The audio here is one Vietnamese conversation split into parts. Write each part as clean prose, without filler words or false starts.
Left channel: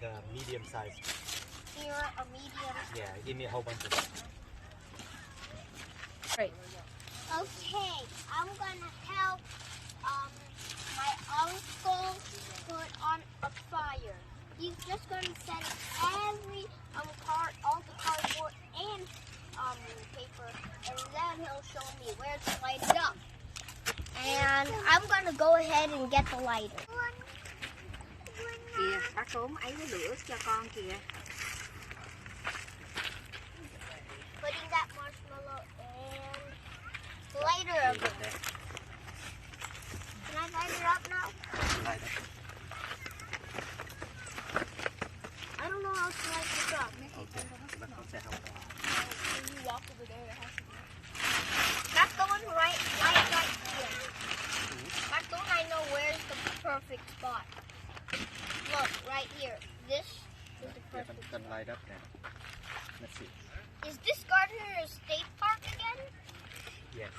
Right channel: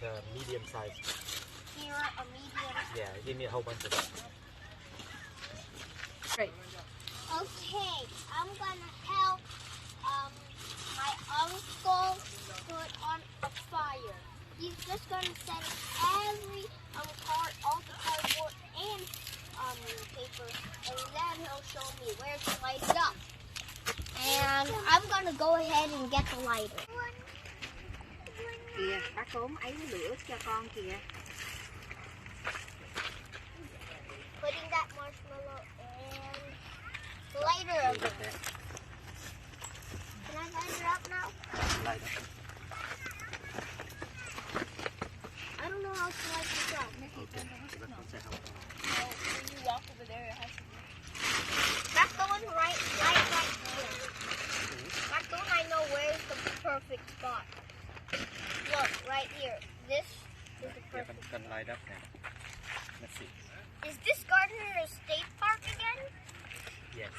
The medium size. You want a medium? Yeah, give me a whole bunch of it. Okay, I'm gonna help my uncle put on a fire. He's just gonna set every all the cardboard and paper, and then he'll show me where to light it up. And I'm gonna go ahead and get the lighter. Kìa, bác Tốn ấy cái lửa cho con kìa. Putting that marshmallow and the lighter up. Can I light it up now? Light up. I don't know how to light this up. Okay. But nó sẽ không có. That's the one right here. That's the one I know where's the perfect spot. Look, right here. This is the Yeah, perfect. can light up now. Let's see. Is this Gardner State Park again? Yes.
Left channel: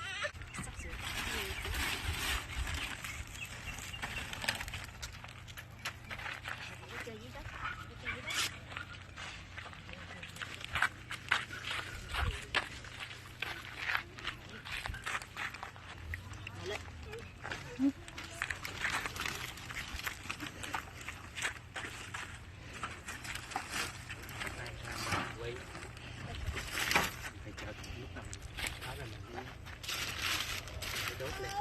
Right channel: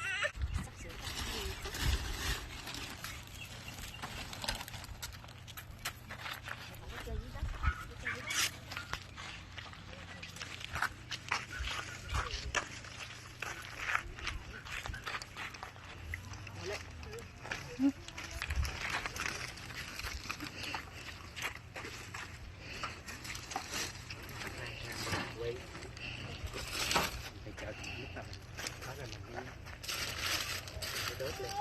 Wait. Phải chờ lúc nào tháo ra mình đi. Cái đốt lên.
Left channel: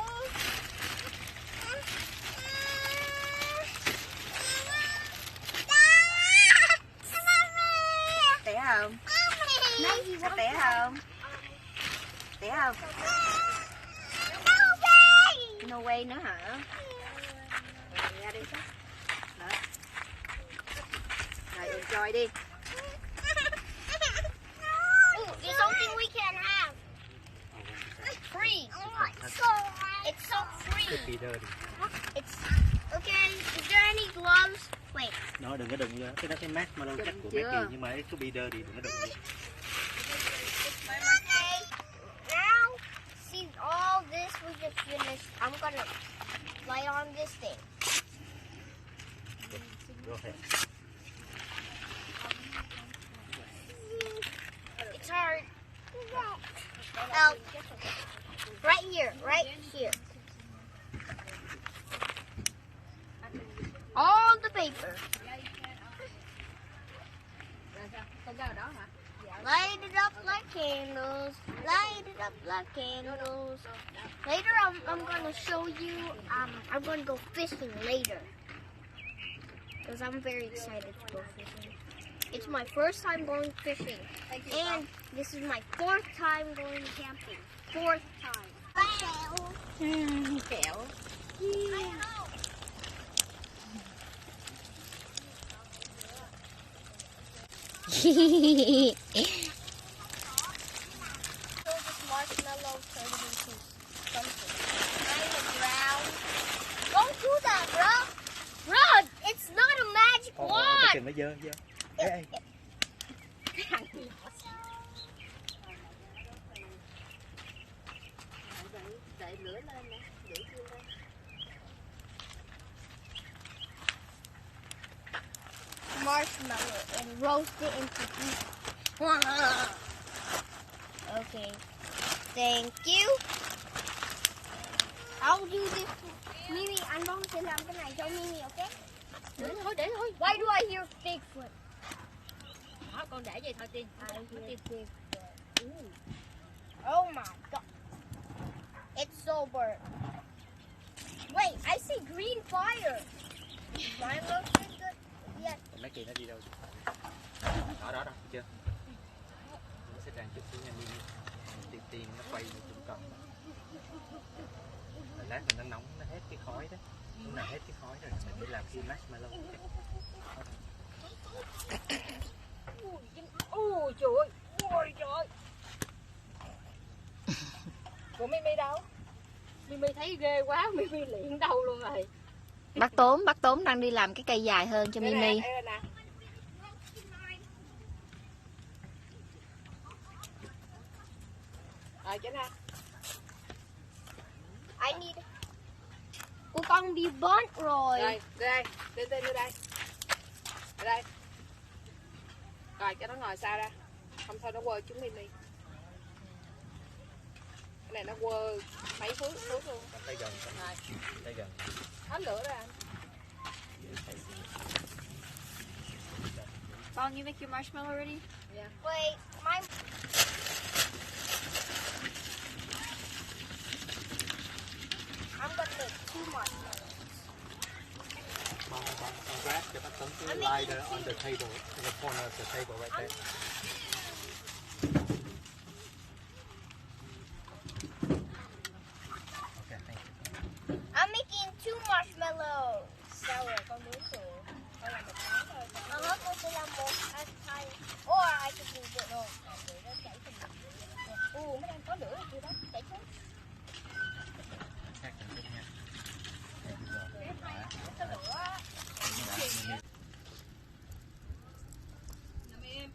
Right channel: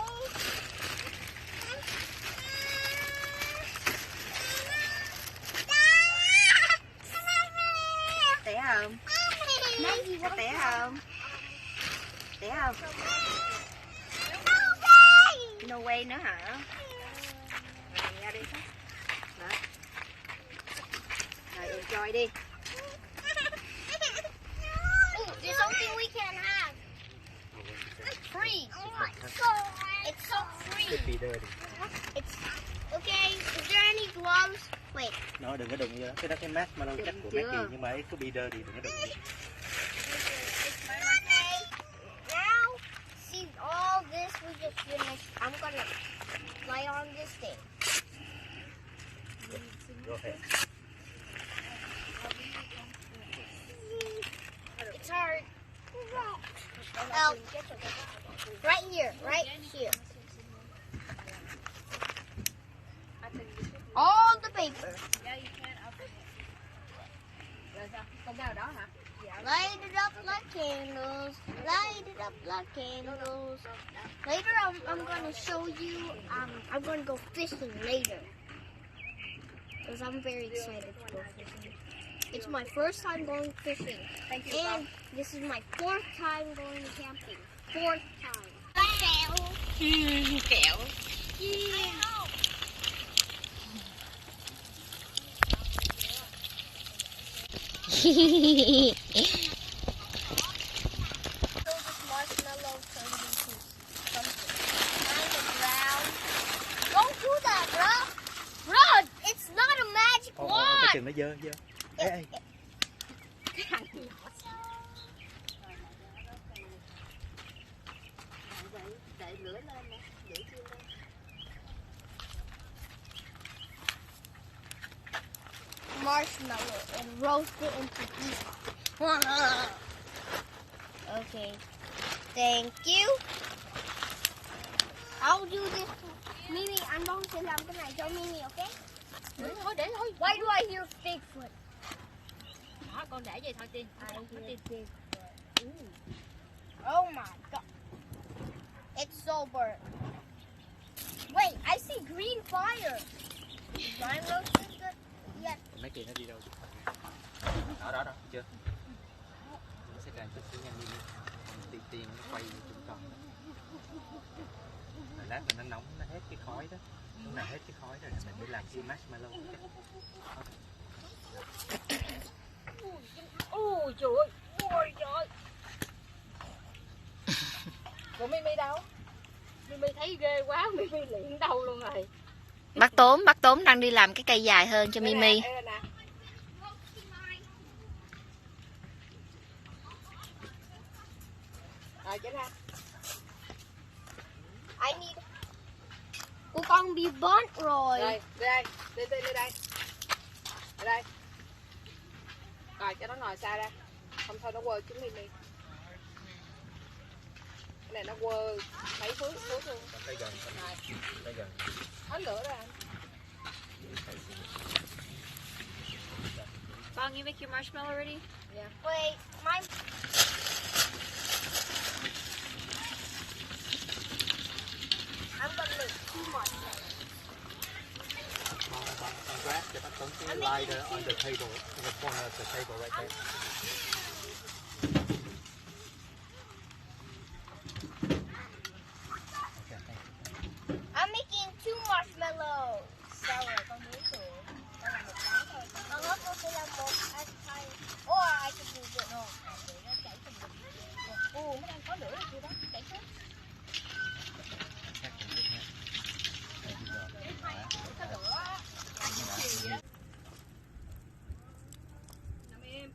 Té không? Có té không? Té không? No way nữa hả? Rồi, ra đi. Rồi, enjoy đi. Ooh, there's something we can have. Free. It's so free. Could be dirty. It's okay. Is there any gloves? Wait. Nó đừng có đụng vô. Cái đó cái mát mà nó cắt của Chưa. Maggie, nhưng mà ấy could be dirty, đừng có đụng vô. Okay. Now, see all this we just finished. I'm gonna lay on this thing. Go ahead. It's hard. Oh, right here, right here. All the paper. Light it up like candles. Light it up like candles. Later, I'm gonna show you. I'm gonna go fishing later because I'm very excited to go fishing. It's my first time going fishing, and this is my fourth time going camping. Fourth time. Kẹo. Kẹo. Yeah. So this marshmallow turned into something kind of brown. Don't do that, bro. Bro, it's not a magic Cái wand. chừng nó dơ dơ. Ê, ê. Đẩy lửa lên nè, lửa chưa lên. Marshmallow and roast it into pieces. Okay. Thank you. I'll do this. Mimi, I'm going to làm cái này cho Mimi, okay? Để thôi. Why do I hear Bigfoot? Đó, con để vậy thôi Tiên. I hear Bigfoot. Ooh. Oh my god. It's so burnt. Wait, I see green fire. Is mine roasted good? Yes. Mấy kia nó đi đâu? Đó, chưa? Nó sẽ càng chút xíu nha Mimi. Còn tiên nó quay như chúng còn. Mình lát mình nó nóng, nó hết cái khói đó. Lúc này hết cái khói rồi, mình mới làm cái marshmallow. Ôi trời ơi. Ôi trời. Của Mimi đâu? Mimi thấy ghê quá, Mimi luyện đâu luôn rồi. Bác Tốn đang đi làm cái cây dài hơn cho Mimi. Đây nè. Rồi chết ha. I need. Của con bị burnt rồi. Đây, đây, đây. Ở đây. Rồi cho nó ngồi xa ra. Không thôi nó quơ trứng Mimi. Cái này nó quơ mấy phút luôn. Bạn thấy gần không? Rồi, Thấy gần. hết lửa rồi anh. Bong, you make your marshmallow ready? Yeah. Wait, my. I'm gonna make two more. Bạn grab cho bác Tuấn cái lighter on the table, in the corner of the table right there. Okay, thank you. I'm making two marshmallows. Sao rồi con muốn rồi. Đây là một cái thôi. I'm not going to làm một at a time. Or I can do this. No, để nó chảy thành một. Nó đang có lửa rồi kia đó, chảy xuống. Chắc cũng thích nha. Đây, bây giờ. Có lửa á. Đó. Nằm im.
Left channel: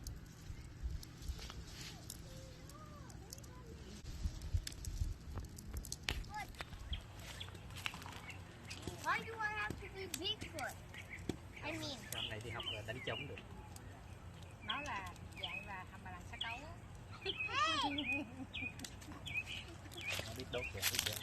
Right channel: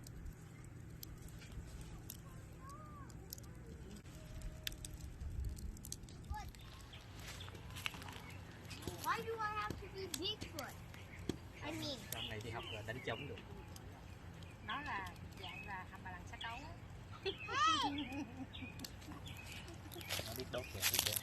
Why do I have to be Bigfoot? I mean, Trong này đi học là đánh trống được. Nó là dạng là hầm bà lằn xá cấu á. Nó biết đốt kìa, biết chưa?